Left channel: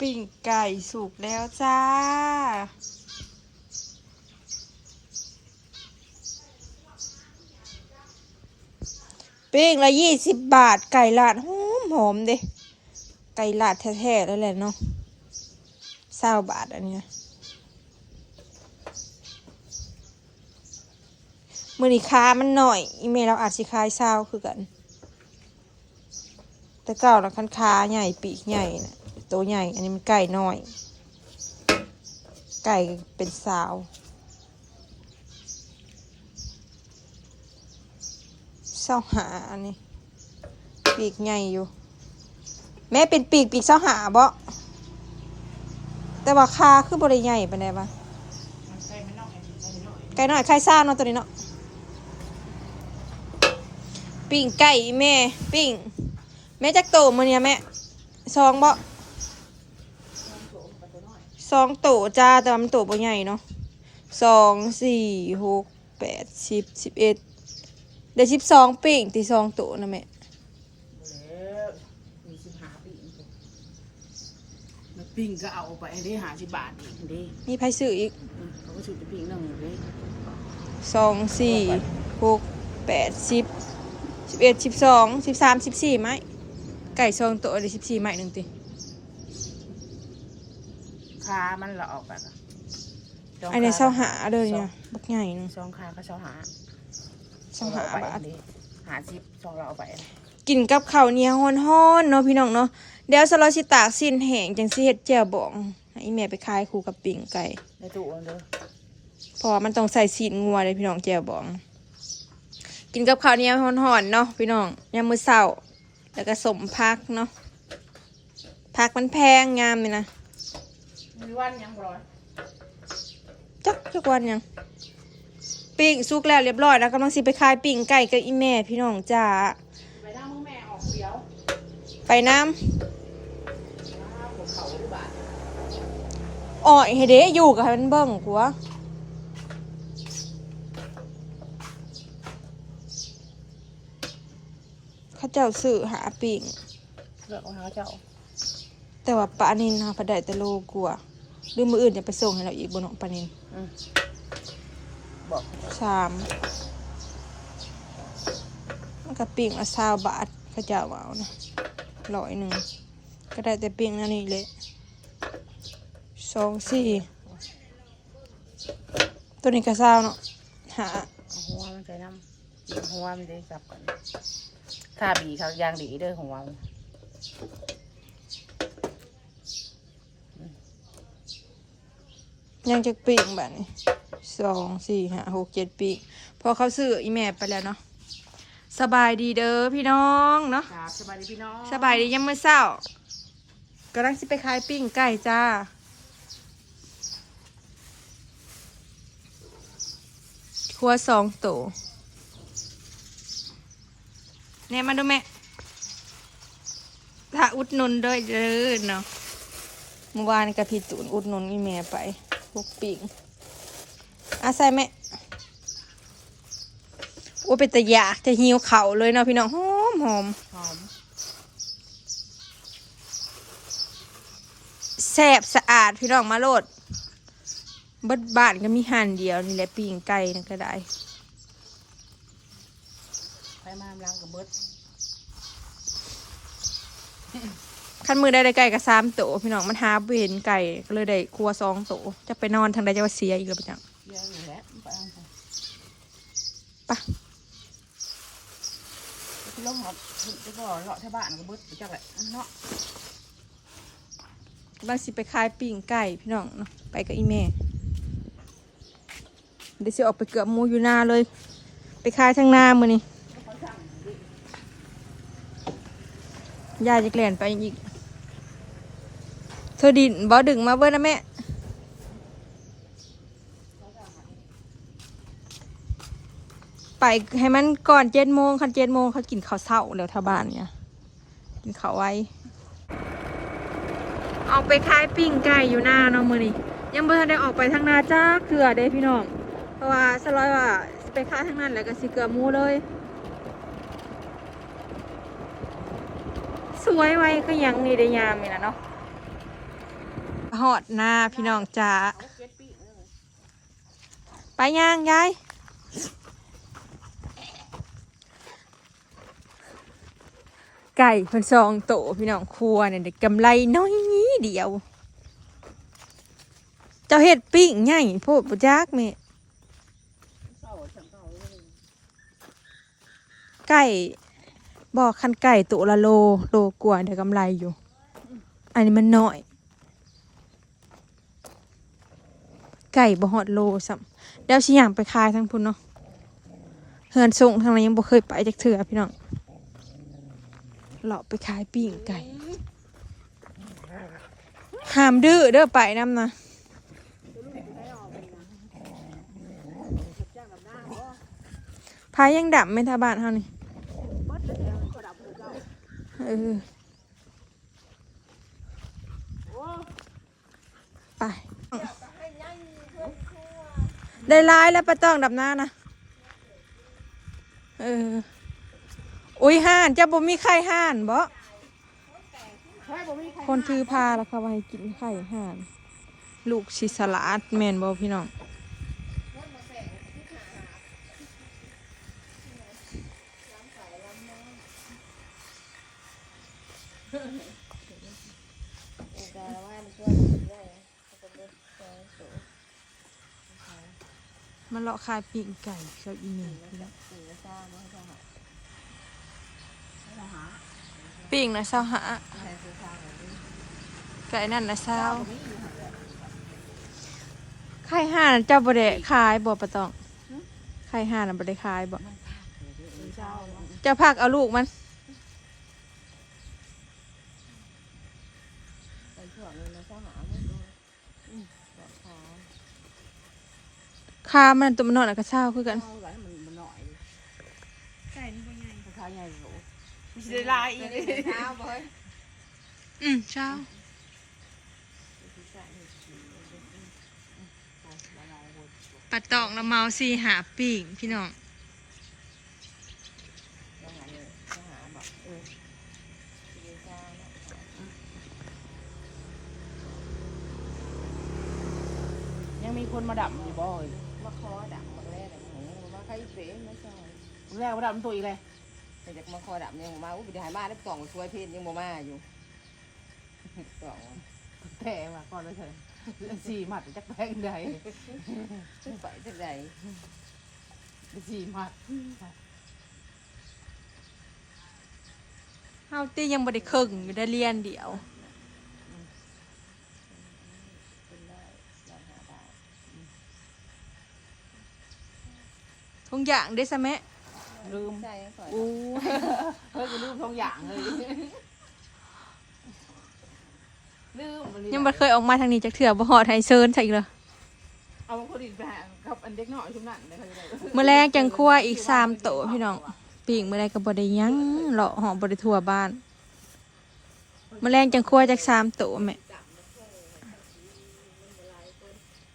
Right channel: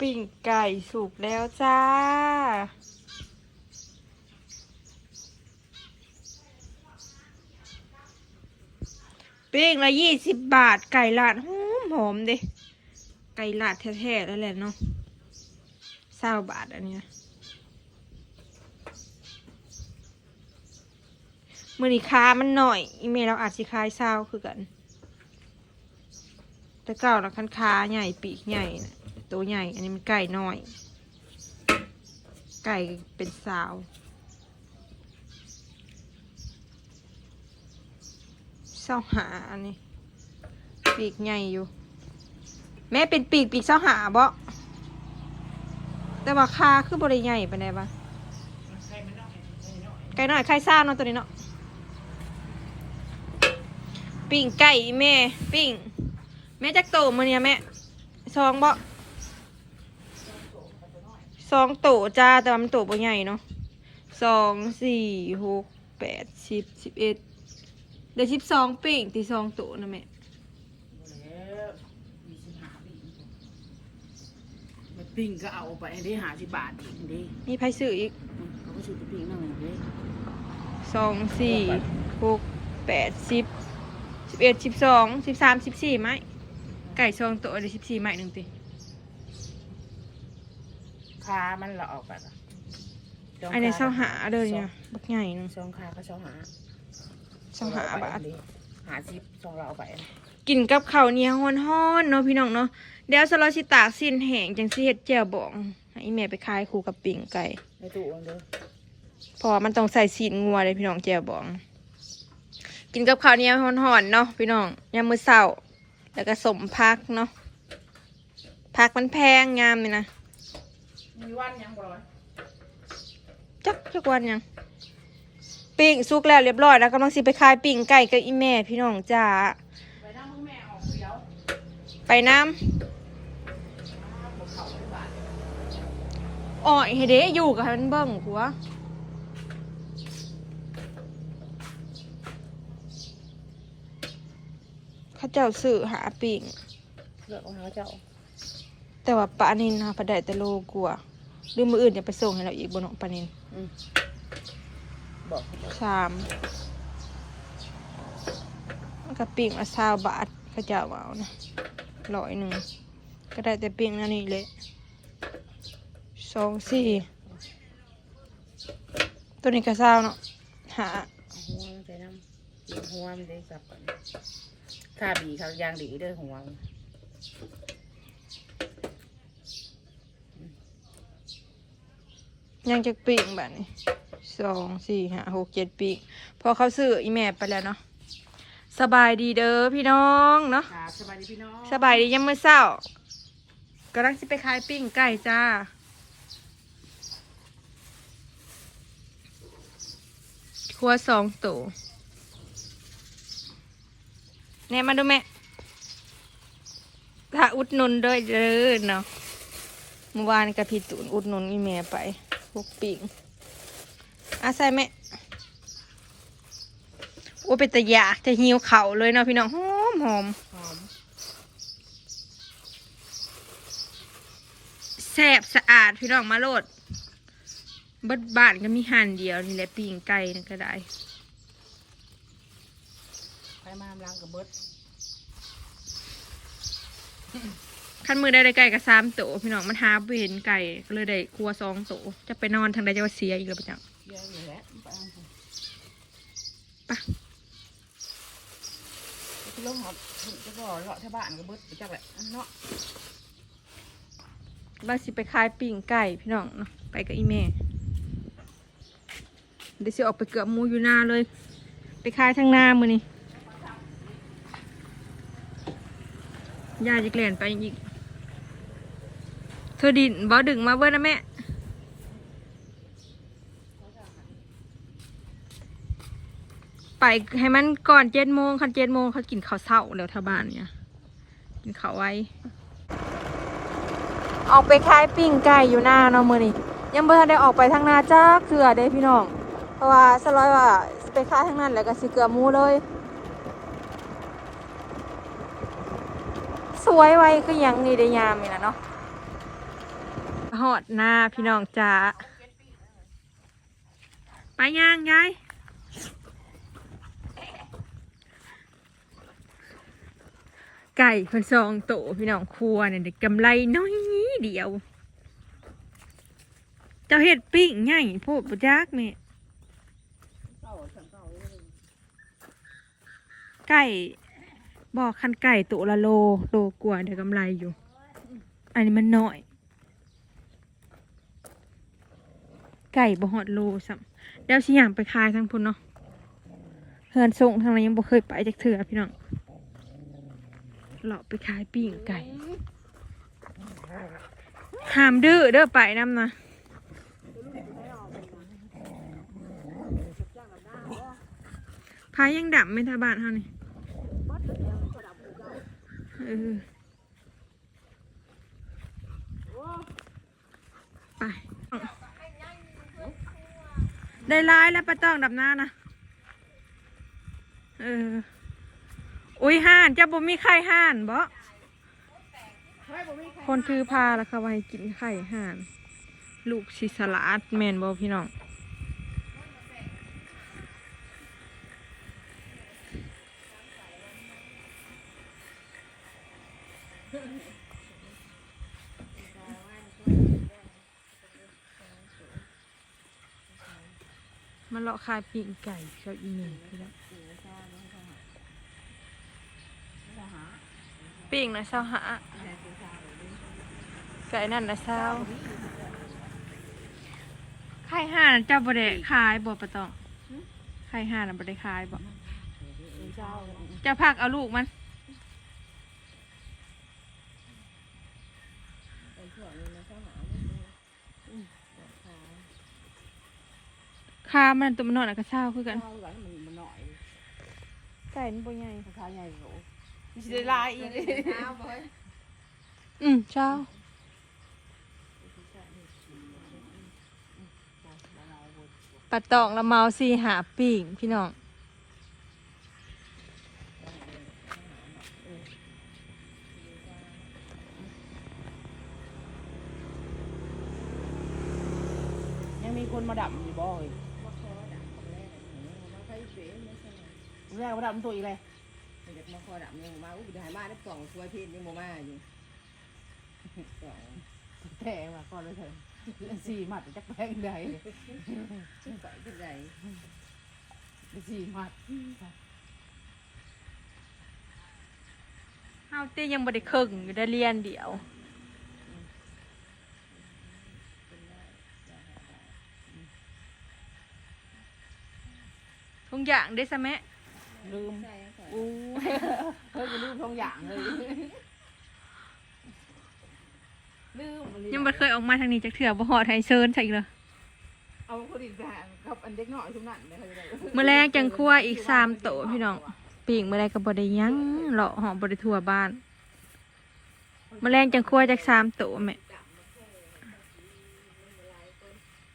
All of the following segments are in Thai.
ปิ้งไก่สุกแล้วจ้า ปิ้งละยี่สิบบาท ไก่ลาดหอมหอมเด้ไก่ลาดแท้ๆแล้วแหละเนาะเศร้าบาทอันเนี้ยมือนีค้ามันหน่อย อีเมลเราอาจสิคายเศร้าคือกัน แต่เก่านะคันค้าใหญ่ปีกใหญ่นะ ตัวใหญ่ อันนี้มันไก่น้อย ไก่เป็นสาวเศร้าหาอันนี้ ปีกใหญ่อยู่ แม่เป็นปีกปีกเศร้าหาบ่แต่ว่าคาคือบริใหญ่ปานบ้างไก่น้อยไข่ซ่าเนาะตัวนี้เนาะปิ้งไก่แม่ ปิ้งแม่จักโตมันเนี่ยแม่สองบ่ สองโตจ้าแต่ว่ามันโตบ่ใหญ่เนาะสองสี่หกแปดสิบสิบเอ็ดเดี๋ยวสิบสองปีงตีสองตัวนะแม่แล้วมีสิบหาปีมันปิ้งก็เอาไปได้หาสิบบาทอีกดิมีไพ่ซื้ออีกอืมเขาก็ชุดไปปิ้งนั่งเลยสองสี่หกแปดสิบสิบเอ็ดสิบสองสิบสามสิบสี่ไม้ไก่สองตัวเดี๋ยวสิบสี่ไม้หนึ่งตี คามันละออกกันอันนี้เศร้าหาเด้อเนี่ยบักใหญ่หนึงสองคาก็เศร้าหาเศร้าหาบาทหาสิบสองเราเอาไปกินกับข้าวเหนียวฮ้อนๆเนาะพี่น้องเนาะเดี๋ยวสลอชิตากสิ้นแห้งจังสิเฮ็ดแจ่วบองให้แม่ไปขายคู่กับปิ่งไก่ในตู้อันเด้อเพราะว่ามันต้องใส่ซีนงัวเลยพี่น้องแจ่วบอง กินกับข้าวเหนียวฮ้อนๆเนาะพี่น้องยามมื้อเช้าแล้วก็สมพักเนาะพักมันแพงงามเลยนะ มีวันยังบ่ร้อยจักจักวันยังปิ้งสุกแล้วเรียบร้อยแล้วกำลังสิไปขายปิ้งไก่กับอีแม่พี่น้องจ้าไปนั่งมึงแม่ออกเดียวไปน้ำอ๋อเฮเดอยู่กับมันเบิ่งกูวะเข้าเจ้าสื่อหาปิ้งเลือกเอาหาเจ้า แต่ว่าปลานินหาปลาได้แต่โลกลัว หรือมืออื่นจะไปส่งให้เราอีกบนของปลานินอืมบอกเขาเจ้าสามมันก็ปิ้งมาซาวบาทก็จะเอานะร้อยหนึ่งก็ได้แต่ปิ้งนั่นนี่เลยสองสี่ตัวนี้ก็ซาวเนาะหาเอาหัวมันใส่น้ำหัวมันได้จับกันถ้าบีเขายางดีเด้อหัวมัน ยังจะปิ้งแบบนี้สองสี่ห้าหกเจ็ดปิ้งพอเขาซื้ออีแม่ไปแล้วเนาะสบายดีเด้อพี่น้องเนาะครับสบายดีพี่น้องสบายดียังเมื่อเช้ากำลังสิไปขายปิ้งไก่จ้าครัวสองตัวเนี่ยมาดูแม่ถ้าอุดหนุนด้วยเด้อเนาะเมื่อวานกับพี่ตูนอุดหนุนอีแม่ไป พวกปิงอาใส่แม่โอ้เป็นตะยากจะหิวเข่าเลยเนาะพี่น้องหอมหอมหอมแซ่บสะอาดพี่น้องมาโลดบดบานก็มีหันเดียวนี่แหละปิ้งไก่นั่นก็ได้ไปมาล้างกับเบิด ขั้นมือได้ได้ไก่กับสามโตพี่น้องมันหาเห็นไก่ก็เลยได้ครัวสองโตจะไปนอนทางใดจะว่าเสียอีกแล้วปะจังเยอะอยู่แล้วไปเอาไปปะที่ลงหอบจะก็เลาะที่บ้านกับเบิดไปจักแหละเนาะกำลังสิไปขายปิ้งไก่พี่น้องเนาะไปกับอีแม่เดี๋ยวสิออกไปเกือบหมูอยู่หน้าเลย ไปขายทางหน้ามือนี่ยายจะเกลี่ยนไปอีก เธอดินบ่ดึงมาเบิ้นะแม่ไปให้มันก่อนเจ็ดโมงคันเจ็ดโมงเขากินข้าวเช้าแล้วท่าบ้านเนี่ยกินข้าวไว้ ออกไปขายปิ้งไก่อยู่หน้าเนาะมือนี่ยังเบื่ได้ออกไปทางหน้าจ้าเกลือเด้พี่น้อง เพราะว่าสลอยว่าไปขายทางนั้นแล้วก็สิเกลือมูเลย สวยไว้ก็ยังนี่ได้ยามนี่นะเนาะ หอดหน้าพี่น้องจ๋าไปย่างยายไก่คนซองโตพี่น้องครัวเนี่ยเด็กำไรน้อยนี้เดียว เจ้าเห็ดปิ้งใหญ่โพดปุจักแม่ไก่บอกคันไก่ตัวละโลโลกว่าเดี๋ยวกำไรอยู่ อันนี้มันน้อย ไก่บ่ฮอดโลสัมแล้วสิอย่างไปขายทั้งพุ่นเนาะเฮือนส่งทางนั้นยังบ่เคยไปจักเถื่อพี่น้องเลาะไปขายปิ้งไก่ห้ามดื้อเด้อไปน้ำนะพายยังดับไม่ทาบานเฮานี่เออไป ได้ร้ายแล้วปะต้องดับหน้านะเออ อุ้ยห่านจะบ่มีไข่ห่านบ่คนถือพาแล้วค่ะว่าให้กินไข่ห่าน ลูกชิสลัดแมนบ่พี่น้อง มันเลาะคายปีนไก่เจ้าอีเมลพี่น้องปีงนะเศร้าหาไก่นั่นนะเศร้าไข่ห่านเจ้าบ่ได้ขายบ่ปะตองไข่ห่านน่ะบ่ได้ขายบ่เศร้าเจะพักเอาลูกมัน ไปช่วงนี้นะเศร้าหาไม่ดูบอกขา คามันตัวมันนอนแล้วก็เศร้าคือกันเศร้ากันมันมันหน่อยไก่มันบ่ใหญ่ขาใหญ่โหมีสิได้ลายอีกเช้าบ่เฮ้ยอืมเศร้าปะตองละเมาสีหาปีงพี่น้องยังมีคนมาดับอยู่บ่อย มาคอดับมาแรกเลยมาใครเป็นไม่ใช่ แรกมาดับตัวอีกเลยแต่จากมาคอดับยังมาอุ้ยไปหายมาได้กล่องช่วยเพศยังบ่มาอยู่กล่องแต่ว่าก่อนเลยเถอะสี่หมัดจักแพงใดไปที่ไหนสี่หมัดเฮาตี้ยังบ่ได้ครึ่งอยู่ได้เรียนเดียว เป็นได้ได้หาบาท ทุกอย่างได้ซะแม่ ลืมใช่ยังก่อนอู้เฮ้ยกูลืมทองอย่างเลยลืมยังบ่เคยออกมาทางนี้จักเถื่อบ่ฮอดไฮเซิร์นใช่อีกเหรอเอาคนอีกแบบกับอันเด็กหน่อยชุมนั่นเลยเขาจะได้มื้อแรกจังครัวอีก3โตพี่น้องปีกมื้อแรกก็บ่ได้หยังเลาะหอมบ่ได้ทั่วบ้านมื้อแรกจังครัวจัก3โตแม่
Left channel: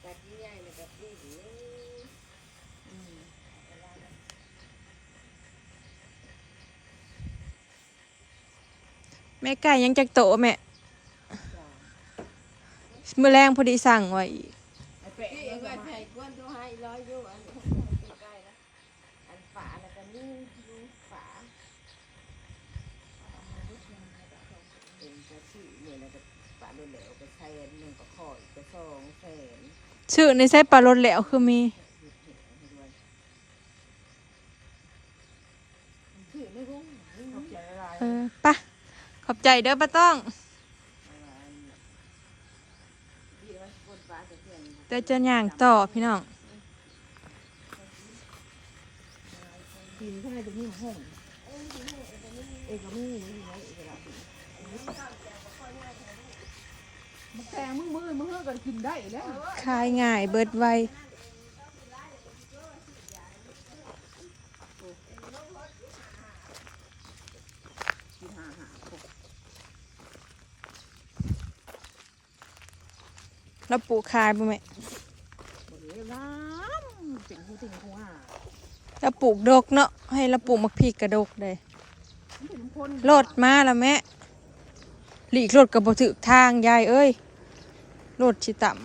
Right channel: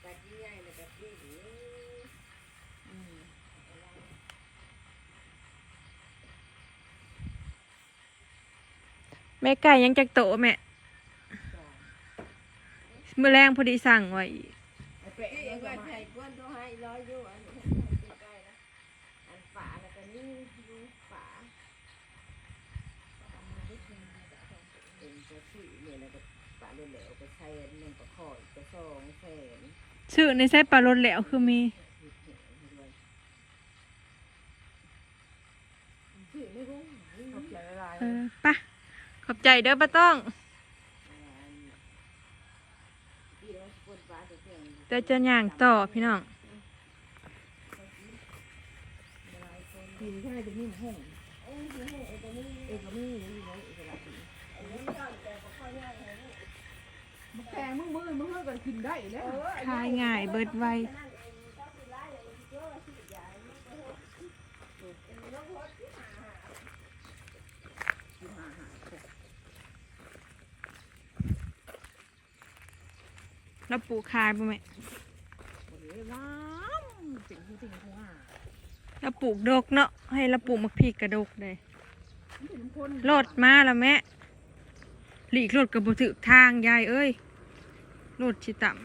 แต่ที่ใหญ่เนี่ยแบบนี้ แม่ไก่ยังจักโตแม่มือแรงพอดีสั่งไว้ปลาแล้วก็นี่ดูฝาเป็นจะชื่อเหมือนใช้หนึ่งก็คอยก็สองแสนชื่อในไส้ปลารสแล้วคือมีปะ อบใจเด้อป้าต้องแต่จะย่างต่อพี่น้องปีนง่าไหร่จะมีห้องเอกมีอยู่ไหนเอกละมาแตงมือมือมึงเฮือกันกินได้แล้วคลายง่ายเบิดไว แล้วปลูกคายป่ะแม่น้ำสิ่งที่สิ่งของอะแล้วปลูกดกเนาะให้เราปลูกมะพริกกระดกเลยมันเป็นคนรถมาแล้วแม่หลีกรถกับบถึกทางยายเอ้ยรถชิต่ำ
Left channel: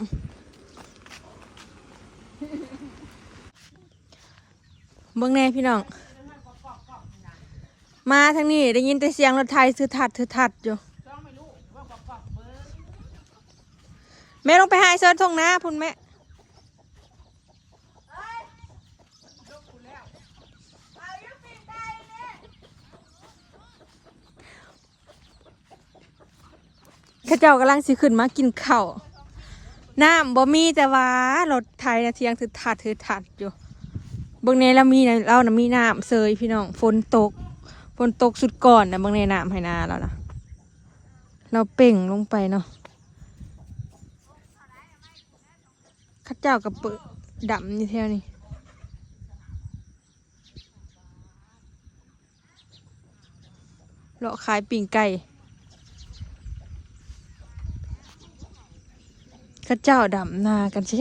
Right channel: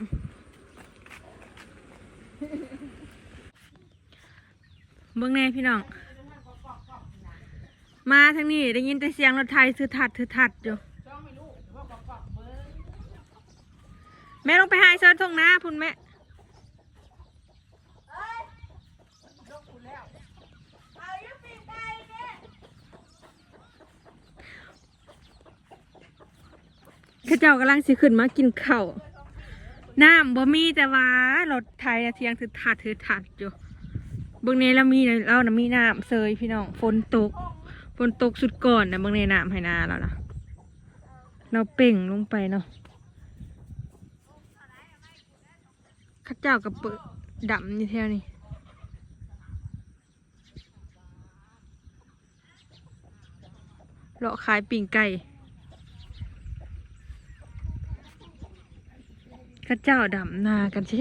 เบิ่งแน่พี่น้อง มาทางนี้ได้ยินแต่เสียงรถไทยถือถัดถือถัดอยู่ แม่ลงไปหาไอ้เซิร์ชทงหน้าพุ่นแม่พระเจ้ากำลังสิขึ้นมากินข้าวน้ำบ่มีแต่ว่ารถไทยนะเทียงถือถัดถือถัดอยู่บางในเรามีนะเรานะมีน้ำเซยพี่น้องฝนตกฝนตกสุดก่อนนะบางในน้ำให้นาแล้วนะเราเป่งลงไปเนาะ ข้าเจ้ากับเปิดดำนี่แถวนี้เลาะขายปิ่งไก่ข้าเจ้าดำนากันแซ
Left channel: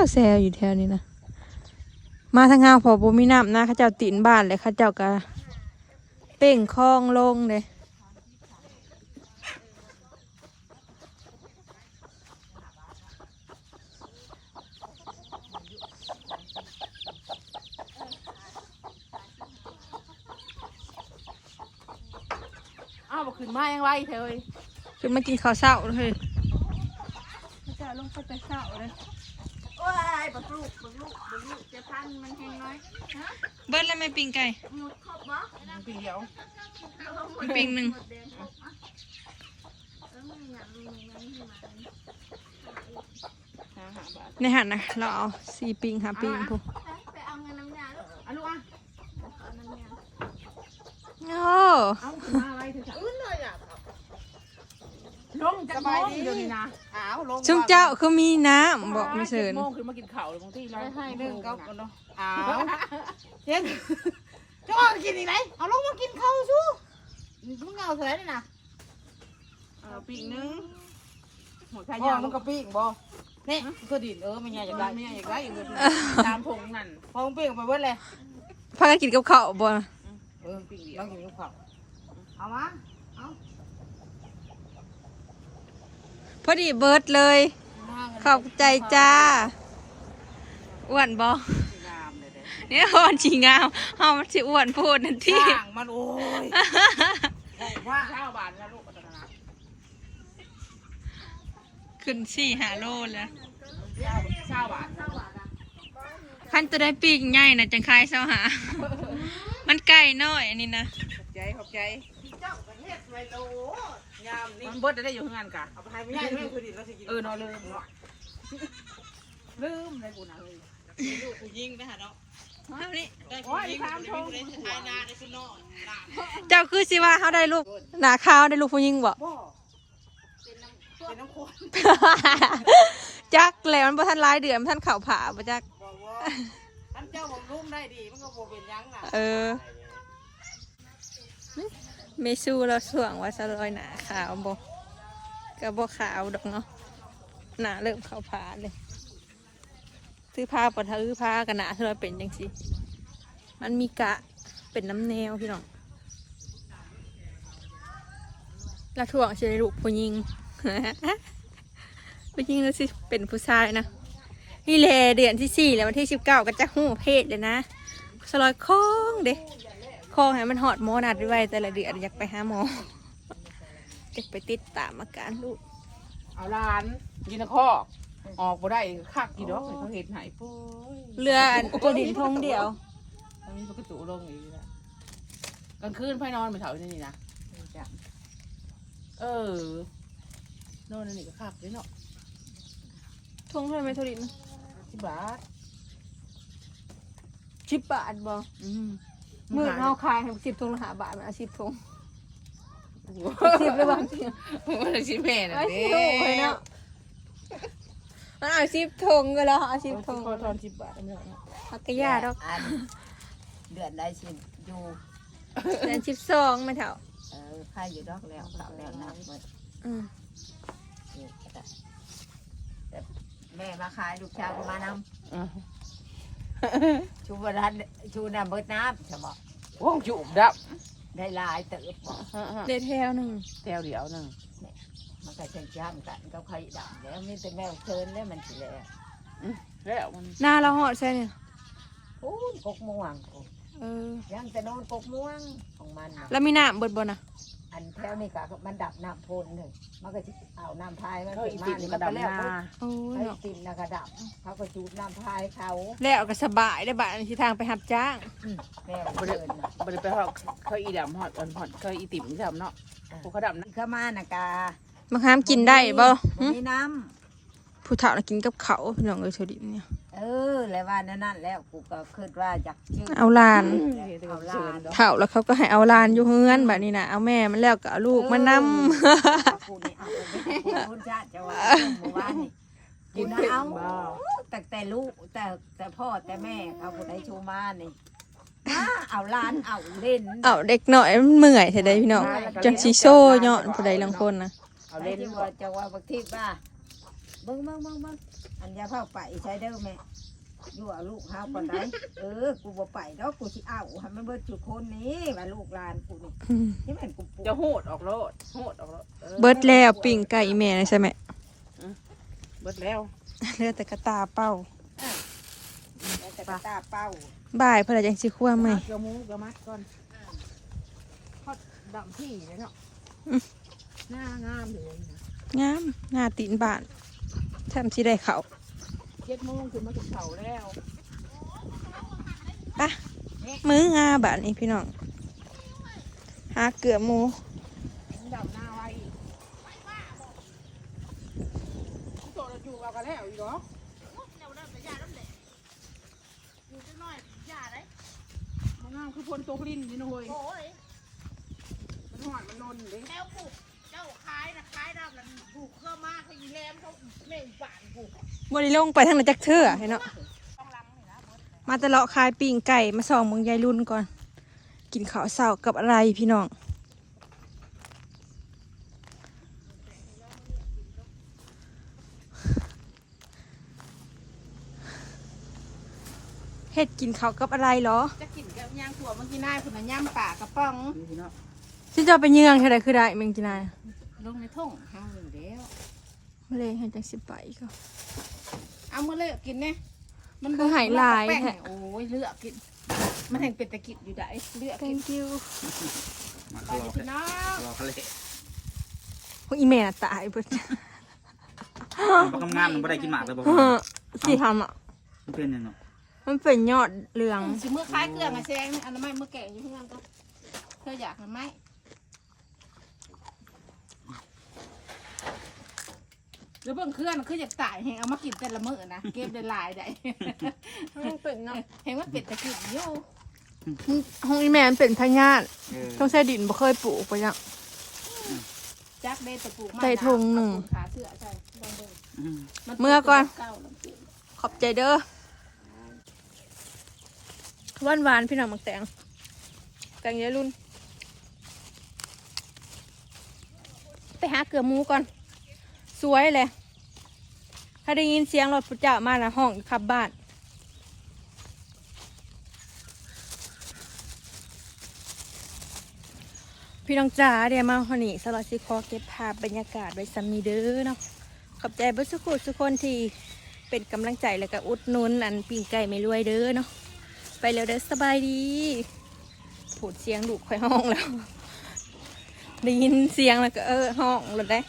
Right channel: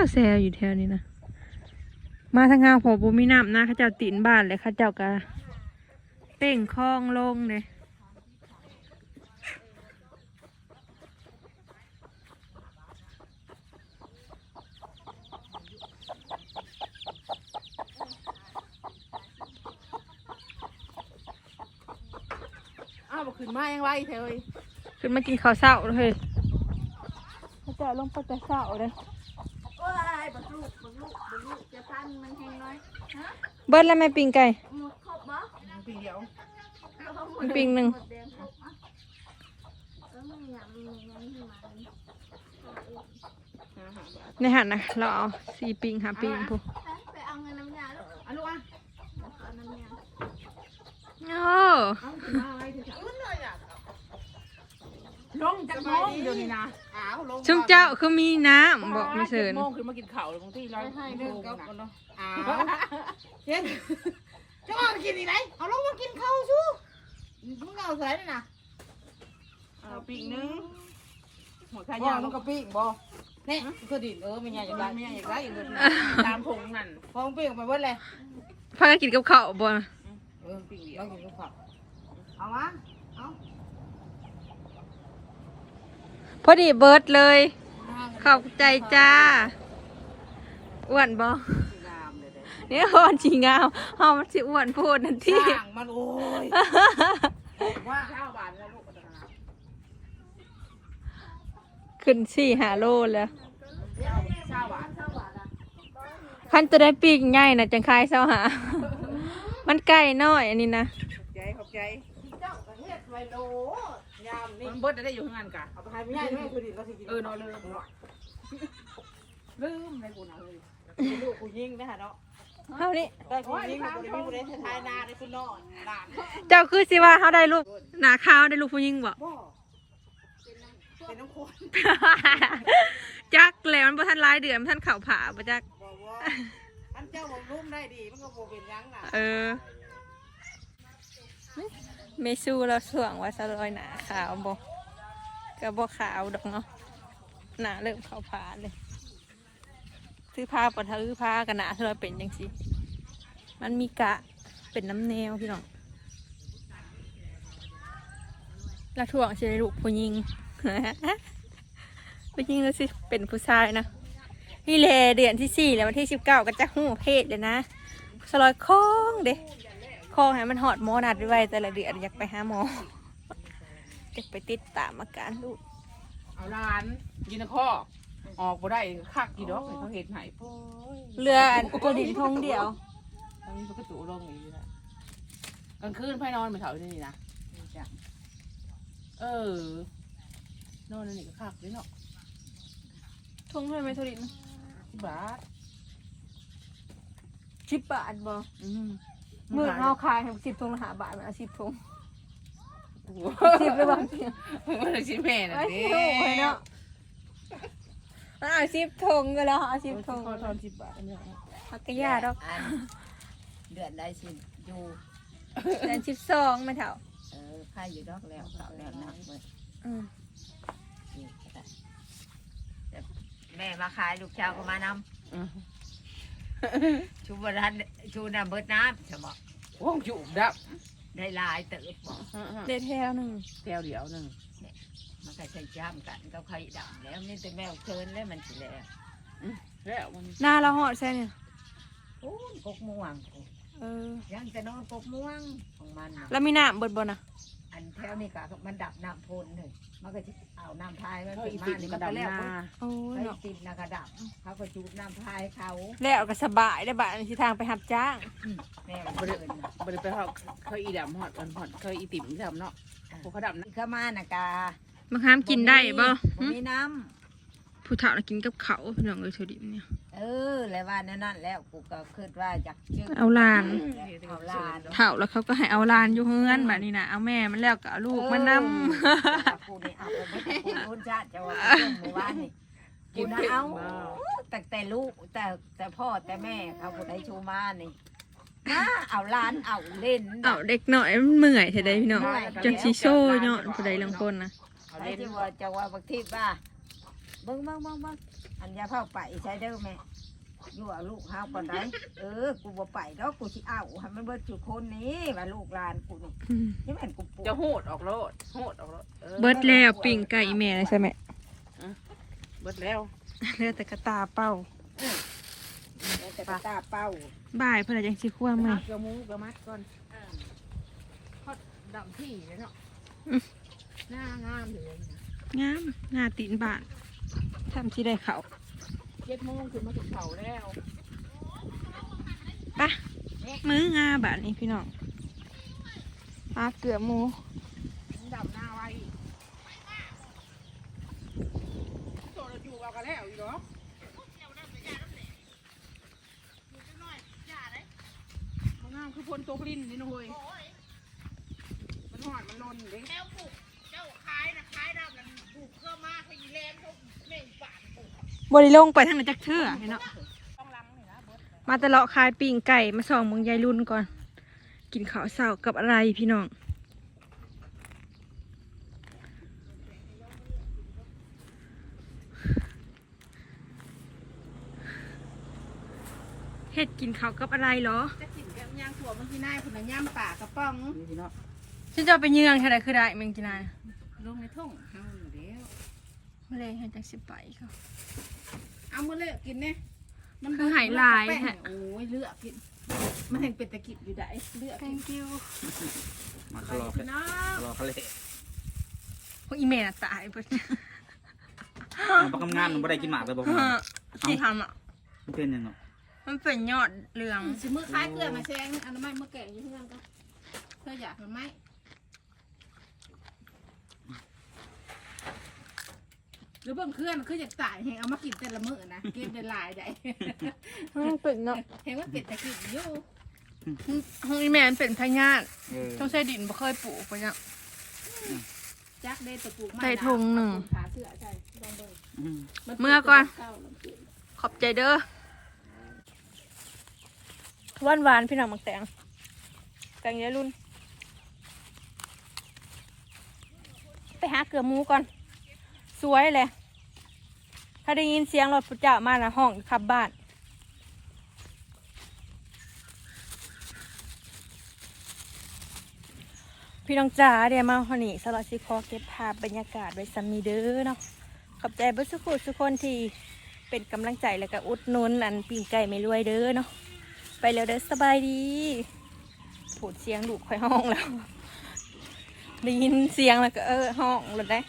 วแซวอยู่แถวนี้นะมาทางงานพอบ่มีน้ำนะข้าเจ้าตีนบ้านเลยข้าเจ้าก็เป่งคลองลงเลย อ้าวบ่ขึ้นมายังไรเธอเอ้ยขึ้นมากินข้าวเช้าเลยข้าเจ้าลงไปแต่เช้าเลยโอ้ยบักลูกบักลูกบักลูกจะพันมันแห้งน้อยฮะเบิ้ลแล้วแม่ปิงไก่หมดครบบ่ปีเดียวปิงหนึ่งห้าห้าบาทในหันนะเราเอาสี่ปิงหาปิงพูไปเอาเงินน้ำยาลูกอะลูกอะเอาน้ำยาโอ้ เอาขึ้นมาไว้เถอะจ้ะลง จากโมงเดี๋ยวนี้นะอ้าวลงชุมเจ้าคือมีน้ำบอกไม่เชิญโมงขึ้นมากินข้าวเลยบางทีเราให้เรื่องกับกันเนาะอ้าวเย็นจะเอากินอีไหนเอาลงมากินข้าวสู้มึงเอาใส่เลยนะเอาปีกนึงหัวขายาวมันก็ปีกบ่เนี่ยก็ดินเออไม่ใหญ่อยากได้ไม่ใหญ่อยากได้อย่างเงี้ยตามผงนั่นพองปีกไปเบิดเลยพากันกินกับข้าวบ่เออปีกเดียวเรากินกับข้าวเอามาเอา พอดีเบิร์ดเลย ขอบใจจ้าอ้วนบ่งามเลยเด้เนี่ยอ่อนจีงามเฮามันสิอ้วนพูดนั่นที่สร้างมันโอ้ยว่าข้าวบานแล้วลูกปัตนาขึ้นสี่หาโลแล้วข้าวบานขั้นตัวได้ปีกใหญ่นะจังคายเสาหา มันไก่น้อยอันนี้นะใจขอบใจ เจ้าประเทศไวโล ยามนี่มันเบิดได้อยู่ข้างงานกะเอาไปให้ไม่ใช่ไม่คือดิเราสิกินเออเนาะลืมเนาะลืมเลยกูนะเลยลูกกูยิงนะฮะเนาะเท่านี้โอ้ยทางชงไทยนาได้คุณนอนเจ้าคือสิว่าเขาได้ลูกหนาขาวได้ลูกผู้หญิงบ่บ่เป็นน้ำข้นจักแล้วมันบ่ทันหลายเดือนมันทันเข่าผาบ่จักบอกว่าอันเจ้าผมรุ่มได้ดีมันก็บ่เป็นยังน่ะเออ เมซูเราสวงว่าสลอยหนาขาวบ่ก็บ่ขาวดอกเนาะหนาเริ่มเข่าผาเลยซื้อผ้าปะทะลือผ้ากันหนาเธอเป็นจังสิมันมีกะเป็นน้ำแนวพี่น้องแล้วถ่วงสิได้ลูกผู้หญิงผู้หญิงแล้วสิเป็นผู้ชายนะนี่แลเดือนที่สี่แล้ววันที่สิบเก้าก็จะหูเพศเลยนะสลอยคองเด้ คองให้มันหอดหมอนัดไว้แต่ละเดือนอยากไปหาหมออยากไปติดตามอาการลูกเอาลานกินตะข้อออกบ่ได้คักกี่ดอกเขาเห็นหายโป้ยเรืออันตัวดินทงเดียวตอนนี้มันก็จุลงอย่างนี้แหละกลางคืนพ่นอนไปเถาที่นี่นะเออนอนนี่ก็คักเลยเนาะทงเท่าไหร่ไหมตัวดินที่บาทสิบบาทบ่อืม มือเอาขายให้สิบทงละหาบาทมันเอาสิบทงโอ้โหสิบหรือเปล่ามันเลยสิแม่น่ะไอ้เด้สิบเลยเนาะมันเอาสิบทงก็แล้วเอาสิบทงขอทอนสิบบาทไม่เอาเนาะพักกะยาดอกเดือนได้สิอยู่เดือนสิบสองไม่เท่าเออใครอยู่ดอกแล้วเขาแล้วนะเบิดอืมอยู่แต่แต่แม่มาขายลูกชาวก็มานอืมำ ชูบรันชูน้ำเบิดน้ำจะบอกโอ้จุบดับได้หลายเติบบอกเดือนแถวหนึ่งแถวเดียวหนึ่งมันก็จะจ้ำกันก็ใครดำแล้วมีแต่แมวเชิญแล้วมันสิแล้วแล้วมันหน้าเราหอดใช่เนี่ยโอ้ยกกม่วงโอ้เออย่างจะนอนกกม่วงของมันน่ะแล้วมีน้ำเบิดบ่นะ อันแถวนี่ก็มันดับน้ำพ่นเลยมันก็จะเอาน้ำพายมันเขาเป็นอีมาติ่นี่กมัระนก็ดำแล้วหน้าโอ้ยไอ้เนาะติ่มน่ะก็ดับ เขาก็จูบน้ำพายเขาแล้วก็สบายได้บ้านที่ทางไปหับจ้างแม่มันเดินน่ะบริไปหอดเขาอีดำหอดอ่อนหอดเขาอีติ่มที่ทำเนาะผูเขาดำนะ อีกเข้ามาน่ะกาบางครั้งกินได้บ่บ่หึมีน้ ผู้เฒ่าน่ะกินกับเขาวพี่น้องเอ้ยโทดิเนี่ยำเออ แล้วว่านั่นนั่นแล้วกูก็คิดว่าอยากชื่อเอาหลานเอาลานเฒ่าแล้วเขาก็ให้เอาหลานอยู่เฮือนแบบนี้นะเอาแม่มันแล้วก็เอาลูกมานำเออกูนี่เอาไปไม่ได้กูรุ่นชาติจะว่าหมู่บ้านนี่กูนะเอาแต่แต่ลูกแต่แต่พ่อแต่แม่เขาคนได้ชูมานี่มาเอาหลานเอาเล่น เอาเด็กหน่อยมันเมื่อยเท่าใดพี่น้องจังสิโซ่เนาะเท่าใดลางคนนะเอาเอาเล่เล่นนว่าจะว่าบางทีว่า เบิ้งเบิ้งเบิ้งเบิ้งอันยาเข้าไปใช้เด้อแม่อยู่เอาลูกเฮาก่อนได้เออ กูบ่ไปแล้วกูสิเอาให้มันเบิดจุคนนี้ว่าลูกหลานกูนี่อืมนี่แม่นกูปลูกจะโหดออกโลดโหดออกโลดออเบิดแล้วปิ่งไก่แม่นะใช่ไหม เบิดแล้วเหลือแต่กระตาเป้า แต่กระตาเป้าบ่ายเพื่อจังสิคั่วแม่มัดกระมูกระมัดก่อนทอดดำที่เลยเนาะหน้างามเลยนะงามหน้าตีนบ้าน แถมสิได้เขาวเจ็ดโมงคือมาถึงเขาแล้วปะมื้องาบ้านนี้พี่น้องหาเกลือหมูดำหน้าไว้โตเราจูบเอากันแล้วอีกเหรอมันงามคือพลโตพลินนี่นะเว้ยมันหอดมันลนเลยแล้วปลูก บริลงไปทางนั้นจักเทื่อพี่น้องมาแต่เลาะคายปิ่งไก่มาส่องเมืองยายรุ่นก่อน กินข้าวเช้ากับอะไรพี่น้องเฮ็ดกินข้าวกับอะไรเหรอ จะกินกับย่างถั่วมันกินได้ผุนนะย่างป่ากระป๋องนี่พี่เนาะฉันจะเอาไปเยืองเท่าไรคือได้มึงกินอะไร ลงในทุ่งเฮาหนึ่งเดียวไม่ได้เห็นจังสิไปก็เอามาเลือกกินเนี่ยมันคือหายลายแป้งแท้โอ้ยเลือกกิน มันแห่งเป็นตะกิดอยู่ได้เลือกกิน thank you มาไปรอพี่น้องรอเขาเลยโอ้ยอีแม่ตายเบิดปลากำงามมันไม่ได้กินหมากเลยบอกเออที่ทำอะมันเป็นยังไงมันเป็นยอดเรืองสิมือคล้ายเกลือมาแซงอันนั้นไม่มือแก่อยู่เพื่อนก็เธออยากมันไหม แล้วเบิ่งเครื่องคืออยากตายเห็นเอามากินแต่ละมื้อนะเก็บได้หลายได้มันเป็นเนาะเห็นว่าเป็ดตะกิดอยู่ห้องอีแม่มันเป็นพญาติเออต้องใช้ดินบ่เคยปลูกไปยัง จักเดตะปลูกมาใส่ถุงหนึ่ง ขาเสื้อใช่ลองเบิ่งอืมนเมื่อก่อน เาลงกินขอบใจเด้อหวานหวานๆพี่น้องมักแตงแตงเยอะรุ่น ไปหาเกลือหมูก่อน สวยเลย ถ้าได้ยินเสียงรถพุทธเจ้ามาละห้องขับบ้าน พี่น้องจ๋าเดี๋ยวมาคนนี้สวัสดีขอเก็บภาพบรรยากาศไว้ซัมมีเด้อเนาะขอบใจเบุสุกุทุกคนที่เป็นกำลังใจแล้วก็อุดหนุนอันปีไก่ไม่รวยเด้อเนาะไปแล้วเด้อสบายดีผูดเสียงลูกค่อยห้องแล้วได้ยินเสียงแล้วก็เออห้องเลยได้